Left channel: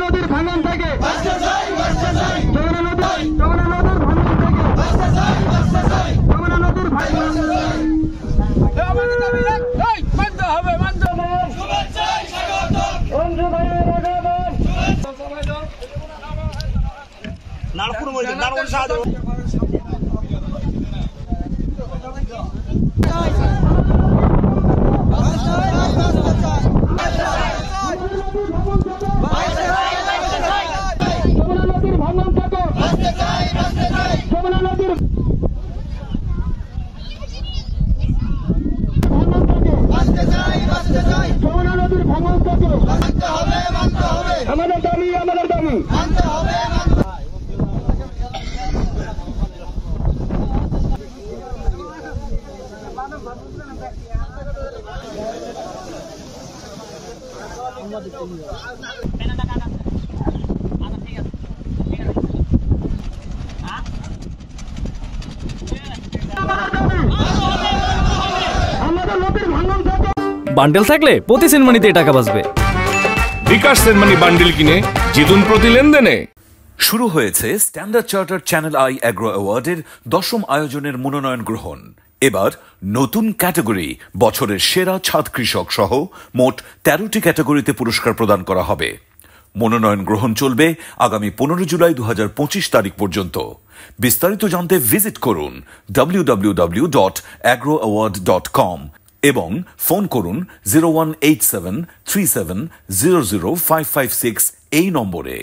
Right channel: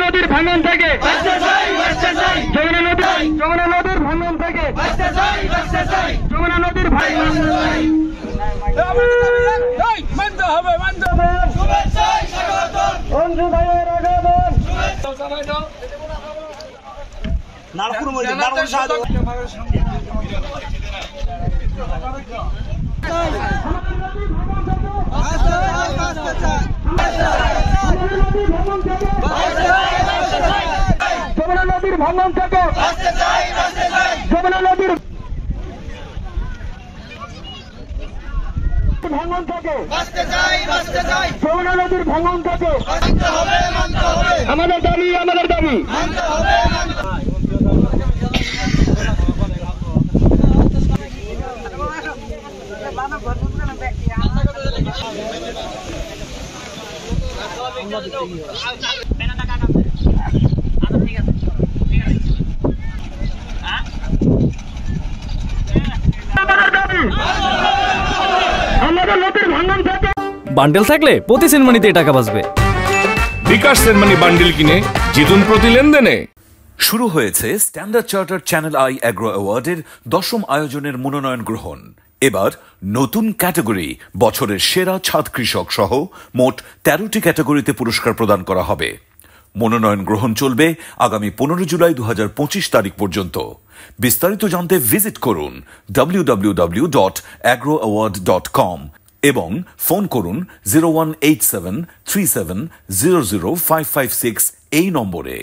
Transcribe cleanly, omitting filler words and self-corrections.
নদীর ভাঙন থেকে যমুনা নদীর ভাঙন থেকে যমুনা নদীর মানতে হবে অঞ্জু ভাইয়ের আগমন নারপুর মধ্যে নারপুর সাধু যমুনা নদীর ভাঙন থেকে যমুনা নদীর ভাঙন থেকে যমুনা নদীর ভাঙন থেকে আমাদের দাবি বান্ডেল থাকলে প্রতি সেনমানিতে টাকা বাঁচবে। বিকাশ সেনমানি বান্ডেল কিনে জিতুন প্রতি লেনদেনে। শুরু হয়েছে Standard Charter Channel I Agro অ্যাওয়ার্ডের 10ম আয়োজনের মনোনয়ন গ্রহণ। এবার নতুন ক্যাটাগরি বছরের সেরা ছাদ কৃষক সহ মোট 13টি ক্যাটাগরিতে পুরস্কার প্রদান করা হবে। মনোনয়ন গ্রহণ চলবে আগামী 15 জুলাই 2025 তারিখ পর্যন্ত। বিস্তারিত জানতে ভিজিট করুন www.agroaward.com এবং ফোন করুন 018737000556 এই নম্বরে।